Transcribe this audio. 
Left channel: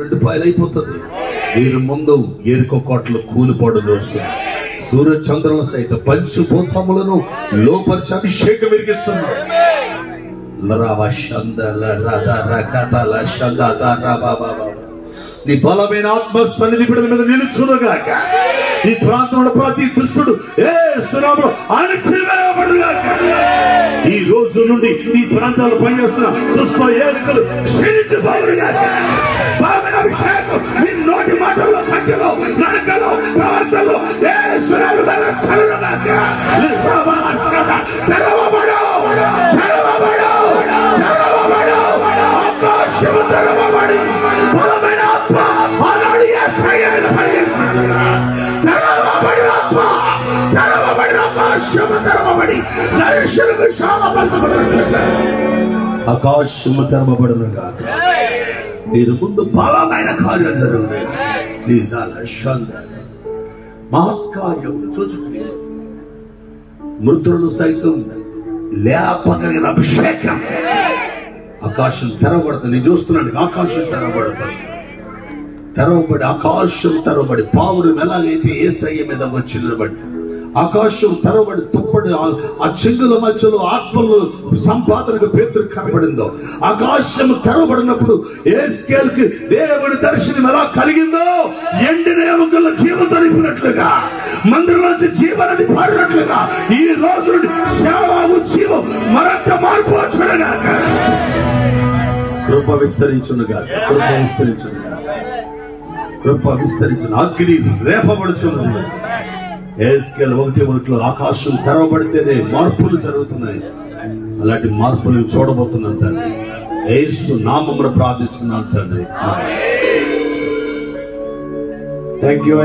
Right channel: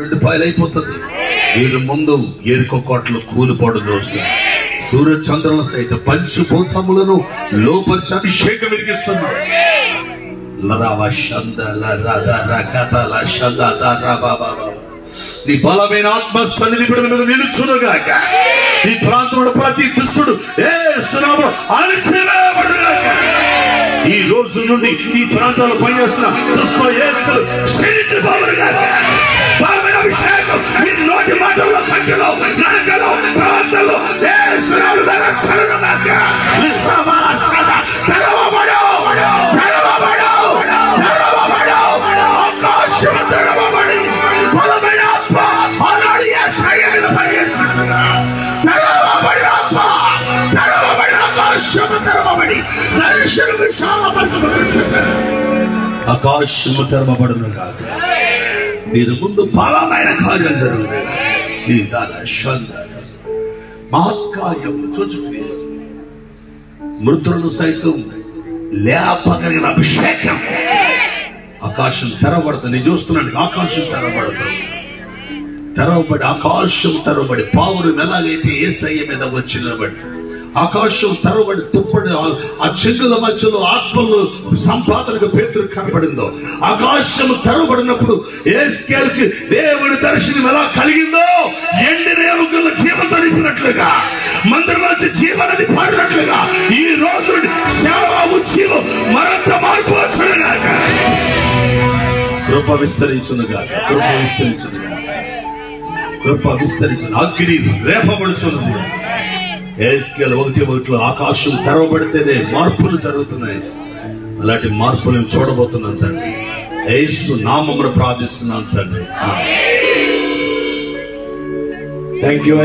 రెండు పాయలైపోతుంది. వీరి ముందు ఎరుక కోటలు కూలిపోడు దోస్తుంది. సూర్య చంద్రుల సైతం పంచభూతములను లోపరిచి అభిషేకం విరిగిస్తున్నాడు. నీ బలమైన ఆత్మ సన్నిధి మీద నిలుచునుగాక. ఈ ప్రాంతంలో ప్రతి దుష్టుడు అణచివేయబడుగాక. ఈ రోజు నుండి ఈ ప్రాంతాల్లో పనిచేస్తున్న దుష్ట ఏస్తులు క్షీణించిపోవుగాక. బలమైన అభిషేకం మీ నోటి మాటల్లో సంఖ్యలో నడకలో ప్రాంతాల్లో యేసునామములో రక్షణగాక. తెరవబడు, తెరవబడు, తెరవబడు, ఆకాశం తెరవబడి బలమైన ఆత్మ ఆనాడు యేసయ్య మీద పనిచేస్తున్నట్టుగా తెరవబడి ఆత్మ తెరవబడి ఆకాశం తెరవబడి దర్శనం విశాలపరచబడినట్లుగా ఆకాశము తెరవబడునుగాక. మీరు ముందు బలమైన కార్యం జరుగుతుంది. ఈ మహత్కార్యం చూచుకుని మృతులను సైతం లేపగలిగిన అభిషేకం. ఆకాశం తెరవబడుతుంది. నేను చూస్తున్నాను ఆకాశం తెరవబడుతుంది. తెరవబడి ఆకాశం తెరవబడి పావురం ఎలాగైతే యేసయ్య మీద వచ్చి నిలబడి ఆకాశం తెరవబడి తుప్పడి ఆ చెంగుల మధ్యలో ఆత్మలు సంపాదనకు పేతురు కనబడిందో, ఆకాశం తెరవబడినప్పుడు యేస్కేలుకి దేవుని దర్శనం ఎలా కలిగిందో ఎండిన ఎముకల జీవంతో నింపినట్లుగా మందిరం నుంచి జీవనది పాడినట్లుగా ఈ రోజు సేవకు జీవం మరింత మార్పు వచ్చునుగాక. కృప విస్తరించునుగాక. కృప విస్తరించునుగాక. కృప విస్తరించును. అగ్ని రేపబడుచున్నది. యేస్కేలు 1:1 ఆకాశం తెరవబడితేనే మార్పులు జరుగుతున్నాయి. అలాంటి మార్పులను చూడబోతున్నాను తండ్రి. యేసు నామమున ప్రార్థిస్తున్నాను తండ్రి. Thank you.